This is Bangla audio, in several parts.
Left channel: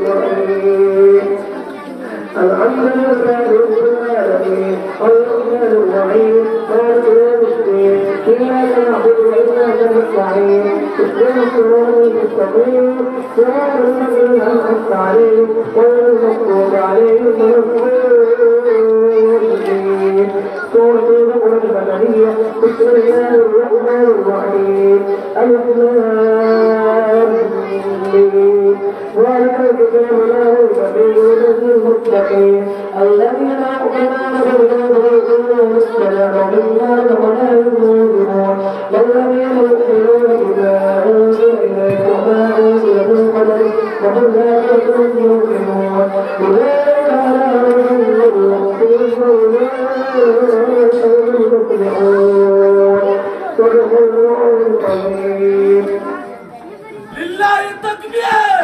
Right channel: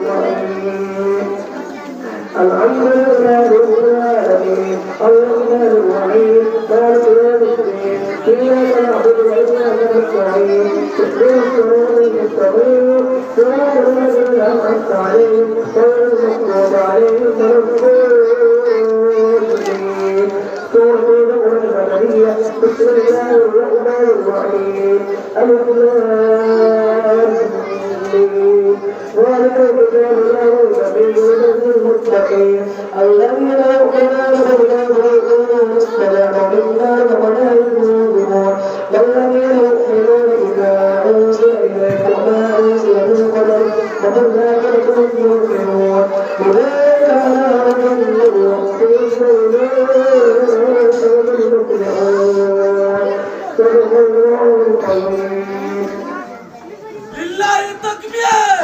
الحمد لله رب العالمين الرحمن الرحيم مالك يوم الدين إياك نعبد وإياك نستعين اهدنا الصراط المستقيم صراط الذين أنعمت عليهم غير المغضوب عليهم ولا الضالين سورة القرآن المدنية بسم الله الرحمن الرحيم ألف لام ميم ذلك الكتاب لا ريب فيه هدى للمتقين الذين يؤمنون بالغيب ويقيمون الصلاة ومما رزقناهم ينفقون والذين يؤمنون بما أنزل إليك وما أنزل من قبلك وبالآخرة هم يوقنون أولئك على هدى من ربهم وأولئك هم المفلحون صدق الله العظيم. لله التكبير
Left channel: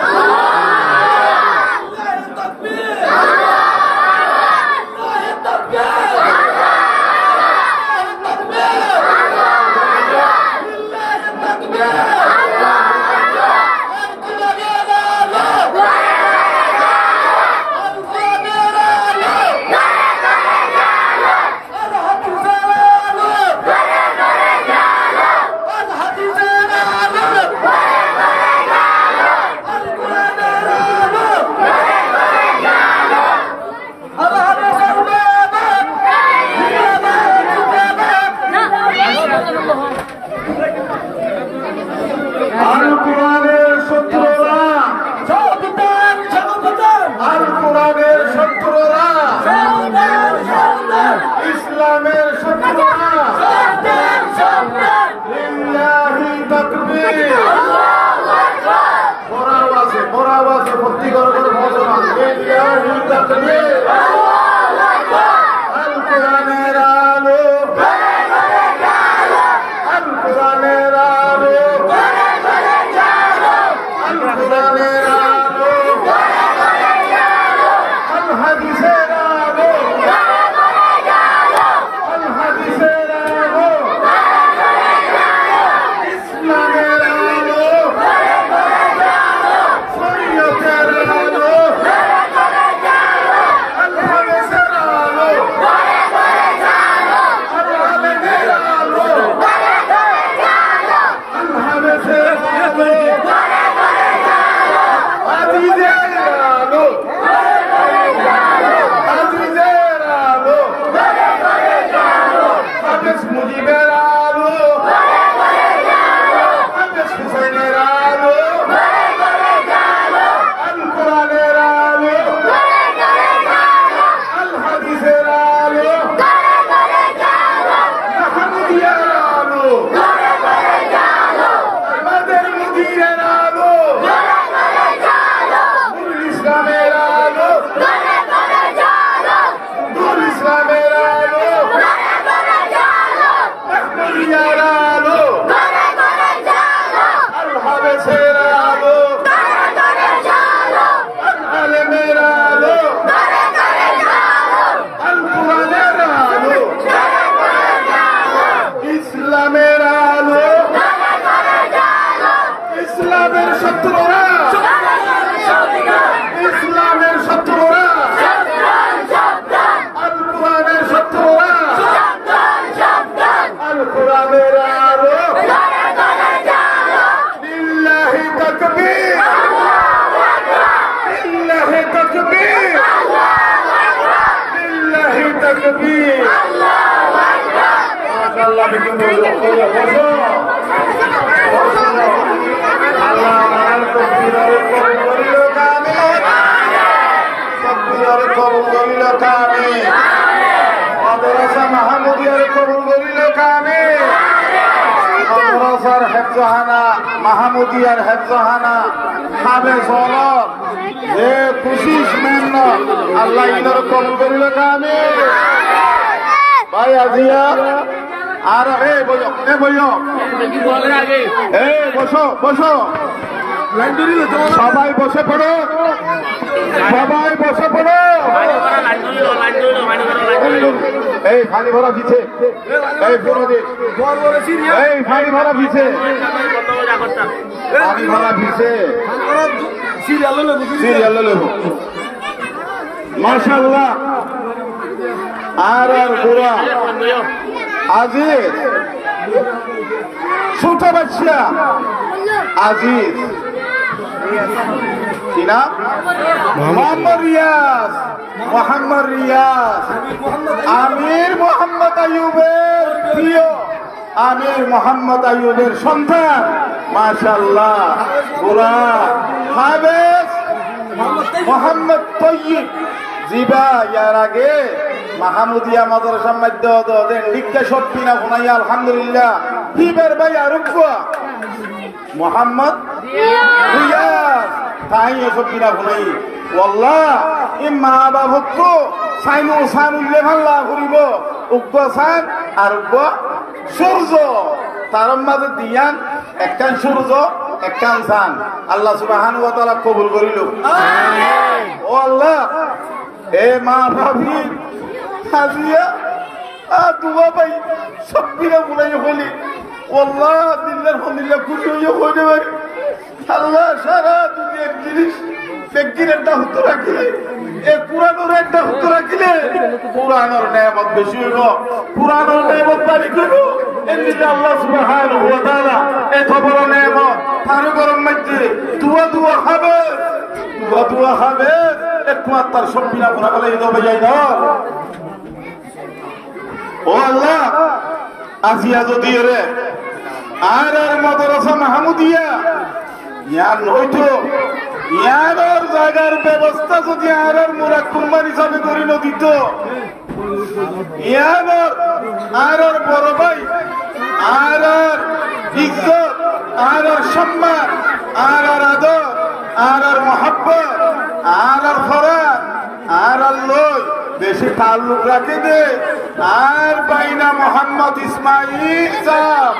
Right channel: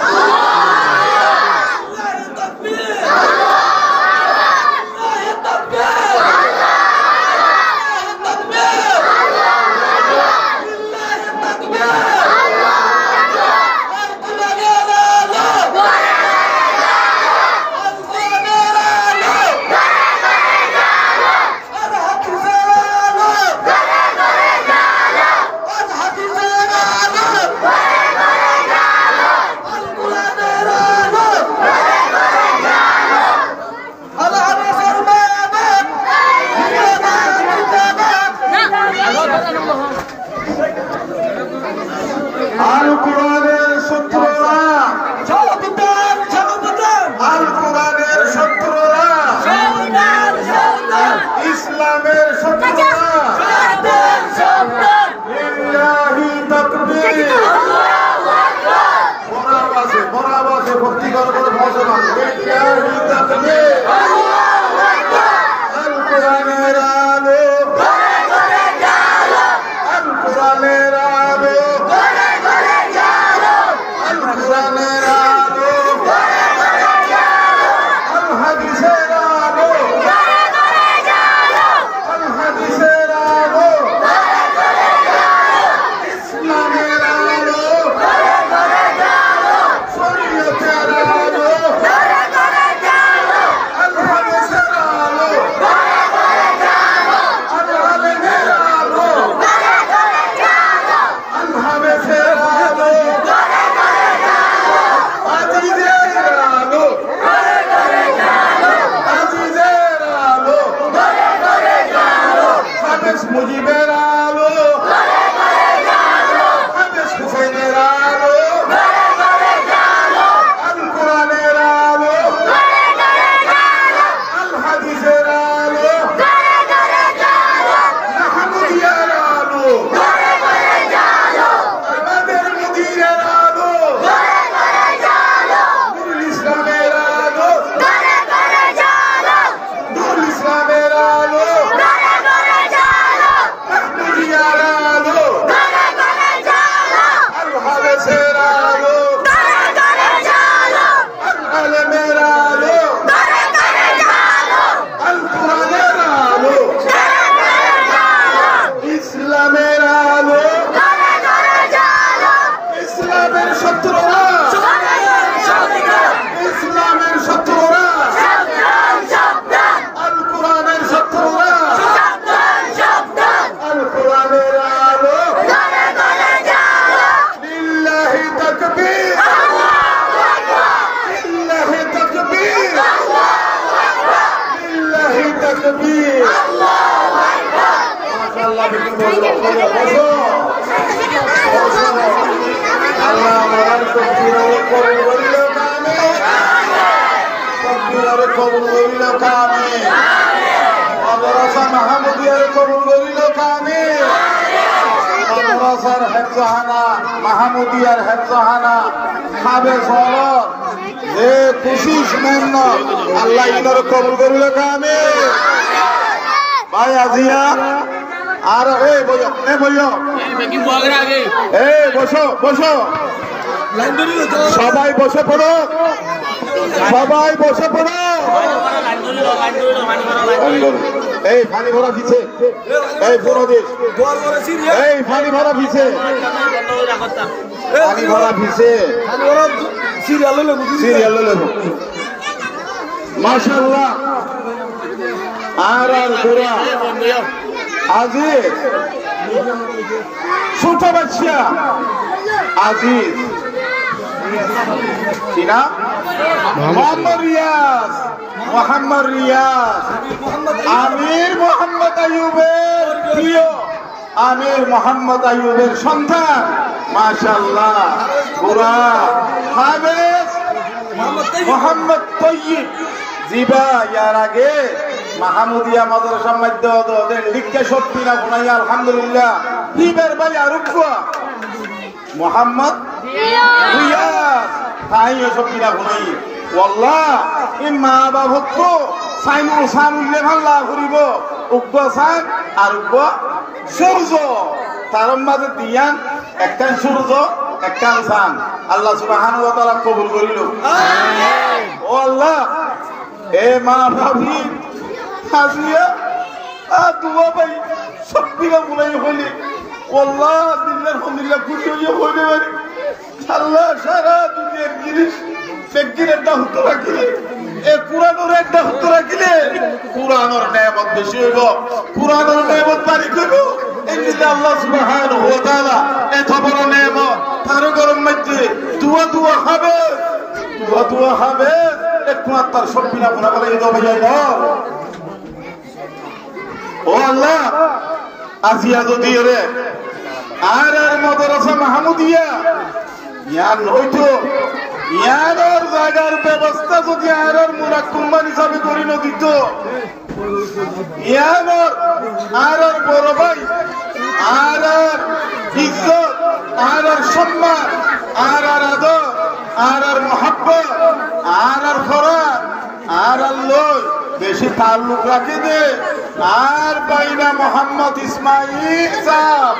لله التكبير لله التكبير لله التكبير ইসলামের শত্রুরা লিল্লাহি তাকবীর বড় আওয়াজে ভক্তি করে ঘোষণা লিল্লাহি তাকবীর আল কোরআনের আলো আল কোরআনের আলো আল কোরআনের আলো আল হাদিসের আলো হাদিসের আলো ইসলামের আলো শরীয়তের আলো আল হাদিসের আলো আল আলেমের আলো আল হাদিসের আলো আজিজের আলো আজিজের আলো হাফেজ মুজিবের আলো হাফেজ হুসেনের আলো আল কোরআনের আলো আল হাদিসের আলো মাহমুদিয়ার আলো আমাদের মুদিরের আলো নুরুল ইসলামের আলো নুরুল ইসলামের আলো মাহমুদিয়ার আলো আল হাদিসের আলো আল আলেমের আলো আল কোরআনের আলো ইসলামের আলো ইসলামের শত্রুরা ইসলামের শত্রুরা আল কোরআনের শত্রুরা আল কোরআনের আলো লিল্লাহি তাকবীর লিল্লাহি তাকবীর লিল্লাহি তাকবীর মাশাআল্লাহ বিকিন বলো বসো আল্লাহ আমার তাকবীর কবুল করিল কামে তাকবীর কবুল করিল কামে মাদ্রাসা মাহমুদিয়ার কবুল করিল কামে মাদ্রাসার হেফজাহানা মাহমুদিয়ার হেফজাহানা খাবে সলত যে খুশিস মেন আল্লাহ ইনার কবুল করিল কামে ভাই আজিয়া আর বসো বসো সবাই বসে পড়ো সবাই বসে পড়ো এই পানি ভরা পিছে এই পুরো দেশ এই পানি ভরা পিছে পানি ভরা পিছে সিরিয়াল লেব মাশাআল্লাহ আর গোরা আজিজ ছোট বাচ্চা আজিজ কি নাম মোহাম্মদ রিয়াজ আমির মোহাম্মদ আইয়ুবের প্রিয় আমির মোহাম্মদ আইয়ুবের সন্তান মাশাআল্লাহ গোরা হাফেজ মোহাম্মদ তৈয়ব জিবা ইয়ার আগে মাহমুদিয়া মাদ্রাসা মধ্যে দেন লিখতে সত্যি না গুনাইয়া আলহামদুলিল্লাহ হিবের ভাই আরুক মোহাম্মদ রিয়াজ তাইও সত্যি না গুনাই ওয়াল্লাহ ইম্মা বাবত সাইনুল সানুল্লে ভাল্লা করিব উগ্র সান আর উগ্র সূর্য তার মাঝে দিয়ান একখান সূর্য একখান সান আল্লাহ সুবহানাহু ওয়া তাআলা কবুল করিল আমিন ও আল্লাহ এ মা ভাবি হাজিয়া দুয়া ভাই সবকিরা বলাই হলি আল্লাহ দিল্লার ফন্দিল্লা খুশি হইয়া হইতে পারি আল্লাহ সারা দুনিয়ার জিনিস বেগিরের দাহত রাখিলে এ পুরানোর একটা হত রাখিলে পুরানোর নেয়ামত বেশি হইব পুরানোর নেয়ামত পারি করব এমনিতে আল্লাহ সুবহানাহু ওয়া তাআলা এত বড় নেয়ামত তারও গরম মধ্যে দুয়া হবে একমাত্র তার সবকিনা গুনাহ বলে এই দবে যাই না ও আল্লাহ আজিয়া যদি রে আর মাদ্রাসা মাহমুদিয়া ইয়ার নইতো ইয়ার জায়গার ব্যবস্থা যদি আর মুরাক্কুমান হিসাবে করি নদিত ইয়ার আর বড় ভাই আর ইজ্জত আর সম্মান আর আদর আর মহব্বত আর ফরাক আর লই বেশি তাল্লুক রাখে দে আর বাইনা মোহাম্মদ ইসমাইল সাহেব